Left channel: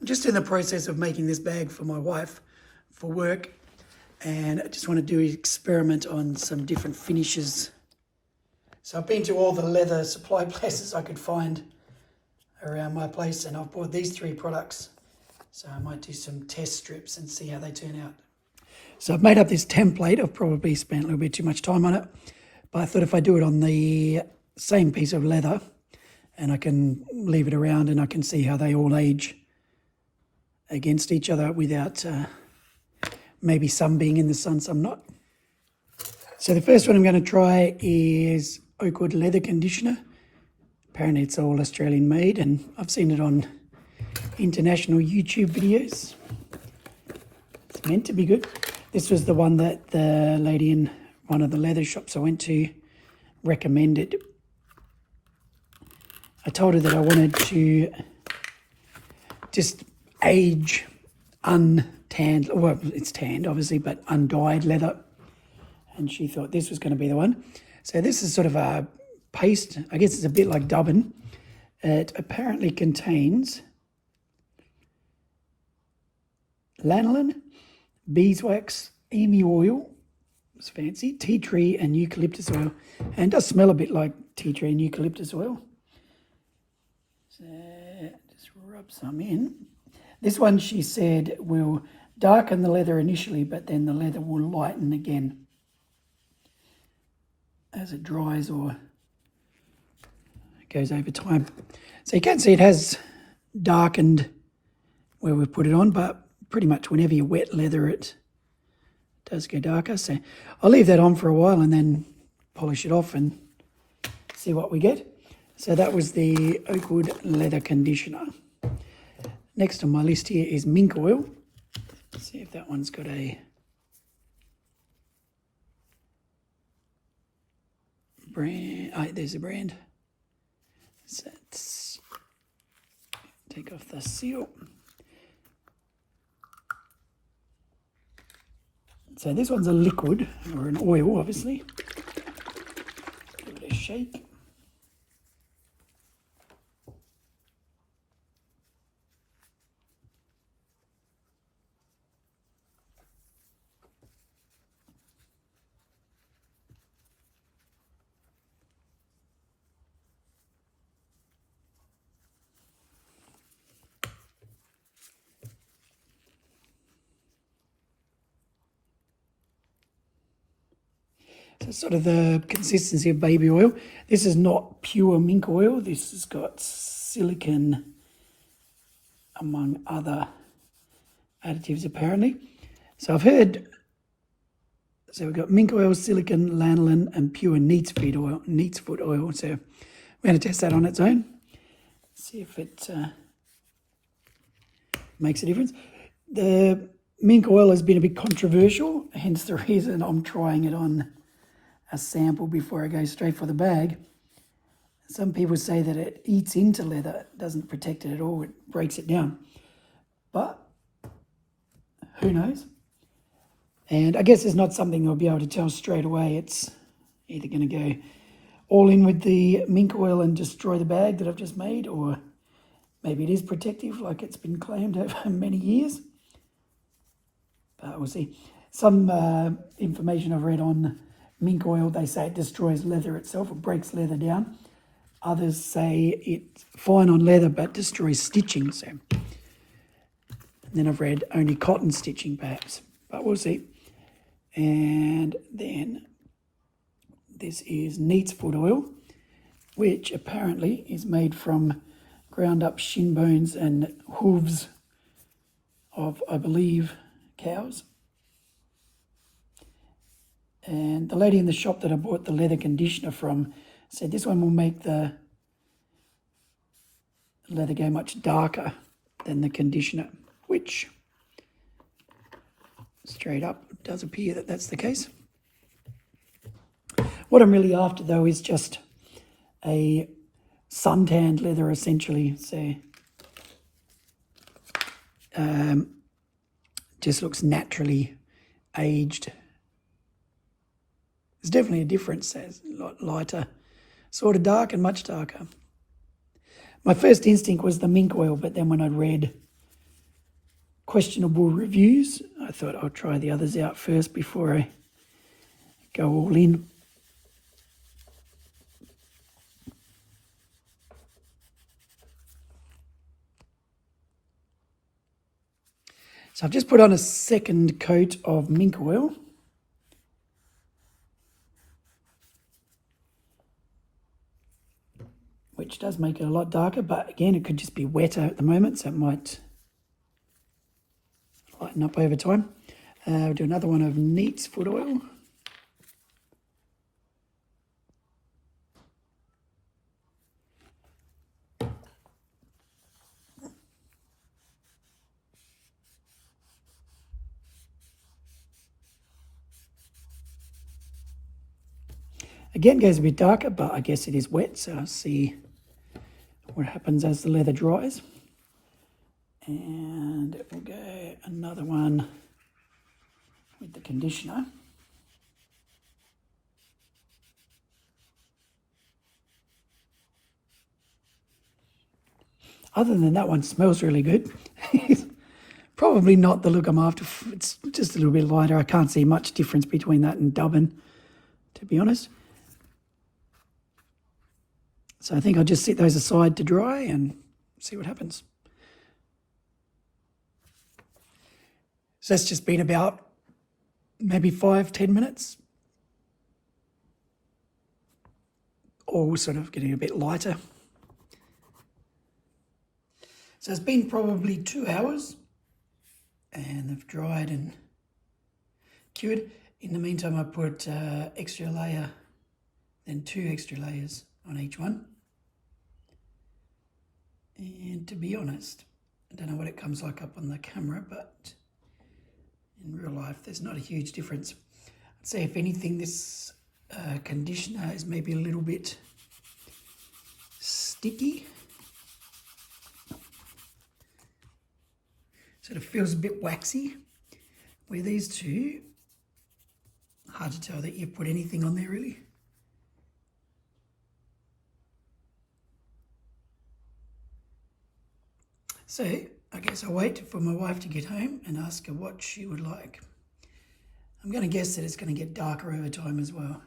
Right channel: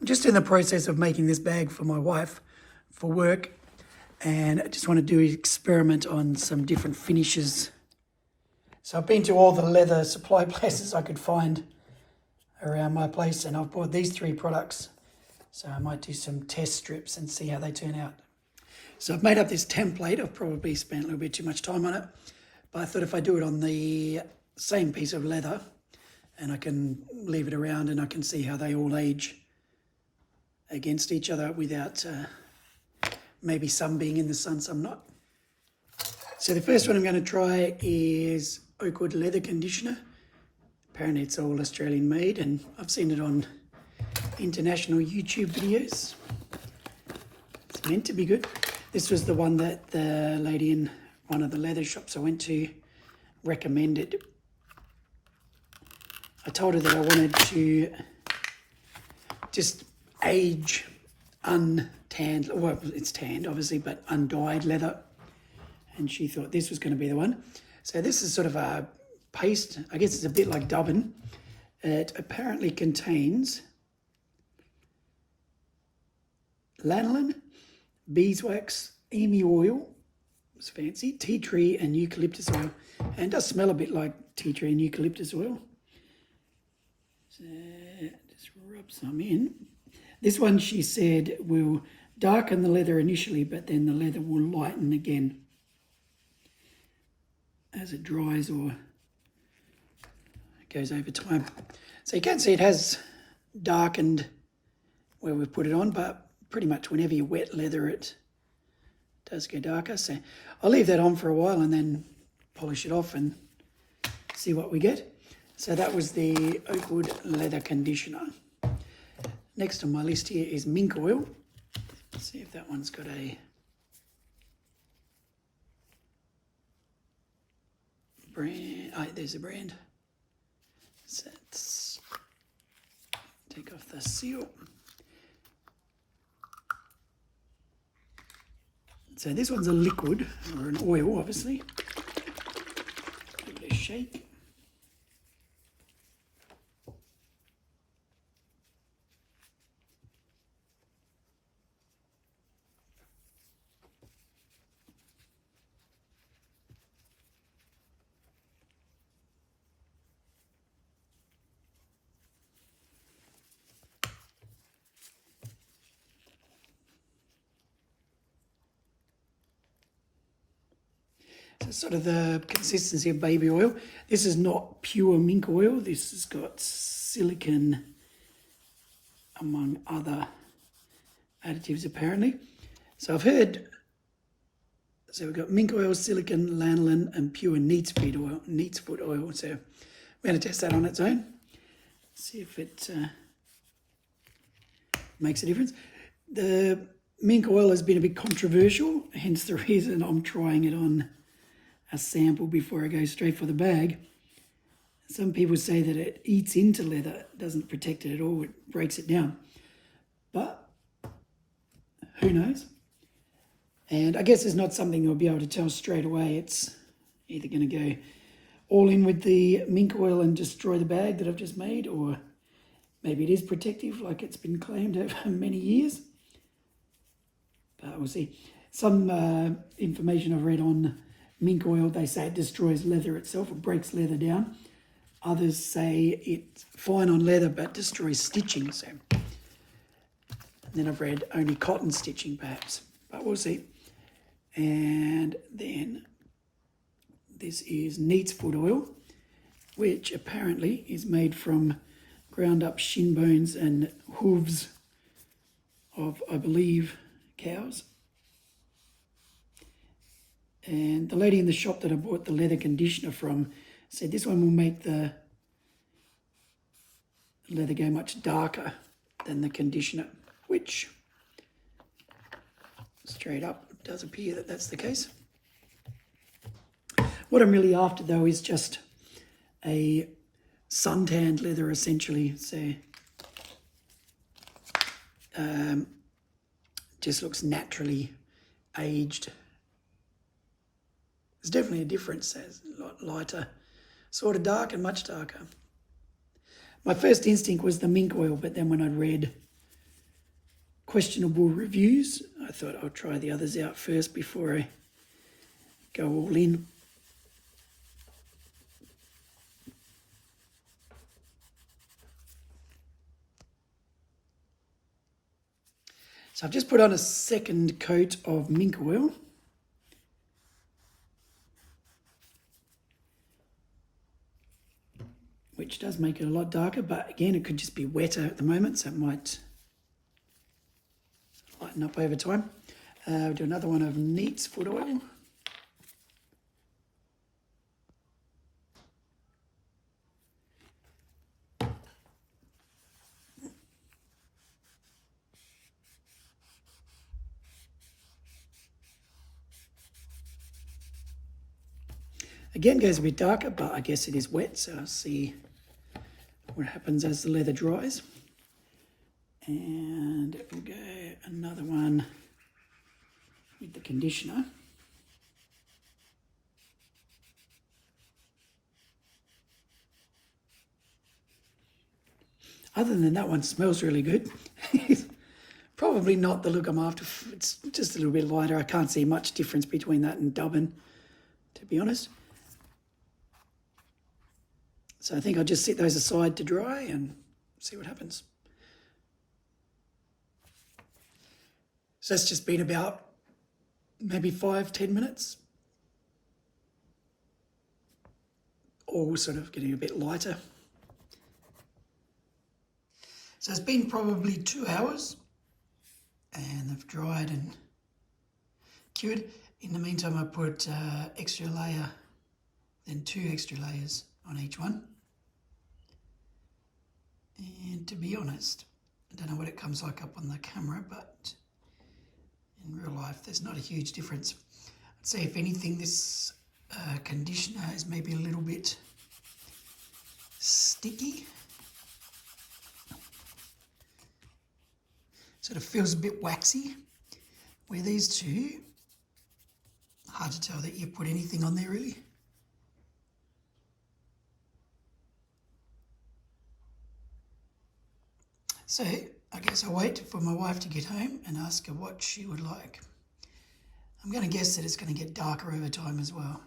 I'm just in the process of making this bag for my wife for work, and I just want to do an experiment on some different finishes. So I've been to all the leather supply places I could find around my place, and I've bought these 3 products. So I might do some test strips and see how they turn out. So I've made up this template. I've probably spent a little bit too much time on it, but I thought if I do it on the same piece of leather, and I can leave it around and I can see how they all age against each other without maybe some being in the sun, some not. So the first one I'm going to try is Oakwood Leather Conditioner. Apparently it's all Australian made, and I've seen it on international YouTube videos. It's meant to be good. This was the one that the lady in one of the leather shops I went to recommended. I told her that I wanted to just age untanned, well, it's tanned obviously, but undyed leather. And she thought this was going to be the one. So this is sort of a paste. I guess it's a bit like dubbin. It apparently contains lanolin, beeswax, emu oil, it's fancy, tea tree and eucalyptus oil. And it does smell a bit like tea tree and eucalyptus oil. So just rub some in. This one, she said, will darken the leather initially, but then the leather will lighten again as it dries or it goes over time. So you can see it has darkened where we've put it on, but pretty much whenever you wet leather it does go darker. So I'll leave that on for a while and then polish it off and see what we get. So that was the Oakwood Leather Conditioner. Next on my list here is mink oil. Let's see if that one's got a brand. Oh, there's a brand. So let's take off the seal. So this one's a liquid, or an oil, obviously. Give it a shake. So sort of the consistency of baby oil. This is not pure mink oil. This has got silicon among other additives apparently. So I've heard, so we've got mink oil, silicon, lanolin and pure Neatsfoot oil. So I'm going to test that on its own. See if it makes a difference. The mink oil has been a bit controversial, hence the reason I'm trying it on a sample before I go straight for the bag. Some people say that it eats into leather, it doesn't protect it at all, it breaks it down. But who knows? And I guess it's not something I'll be able to tell straight away. It's either going to go all in with the mink oil and destroy the bag that I've just made, or maybe it is protective like it's been claimed over many years. But we'll see. Some information I've read on mink oil, they say it destroys leather itself, it breaks leather down. Others say it's fine on leather but destroys stitching. So, and then I've read only cotton stitching perhaps, but we'll see. And then this is Neatsfoot oil, which apparently is made from ground up shin bones and hooves of, I believe, cows. And the lady in the shop that I bought the leather conditioner from said this one will make the leather go much darker than the conditioner, which straight up does appear that that's the case. What I'm really after though is just a suntanned leather essentially. So just looks naturally aged. There's definitely a difference. It's a lot lighter, sort of dark and much darker. My first instinct was the mink oil, but then when I read questionable reviews. I thought I'll try the others out first before I go all in. So I've just put on a second coat of mink oil. Which does make it a lot darker, but again, it could just be wetter at the moment, so it might lighten up over time. We'll do another one of Neatsfoot oil. Again, goes a bit darker, but I guess it is wet, so I'll see what happens as the leather dries. And we'll go another one with the conditioner. Other than that one smells really good. Probably not the look I'm after. It's just a little bit lighter. I can't see much difference between that and Dubbin, to be honest. So I think I'll just set those aside to dry and see what happens. So that's just been about maybe 5-10 minutes. All sort of getting a bit lighter. So it's been probably 2 hours and they've dried and cured. In the meantime, I put extra layer, then 2 extra layers on each one. And to be honest, I don't know what it comes like up on the camera, but in real life, there's not a huge difference. I'd say if anything, this conditioner is maybe a little bit sticky. Sort of feels a bit waxy, where these two, hard to tell that you put anything on there really. So I guess I'll wait for my wife to get home and ask her what she would like. I'm going to guess that it's going to get darker over time as well.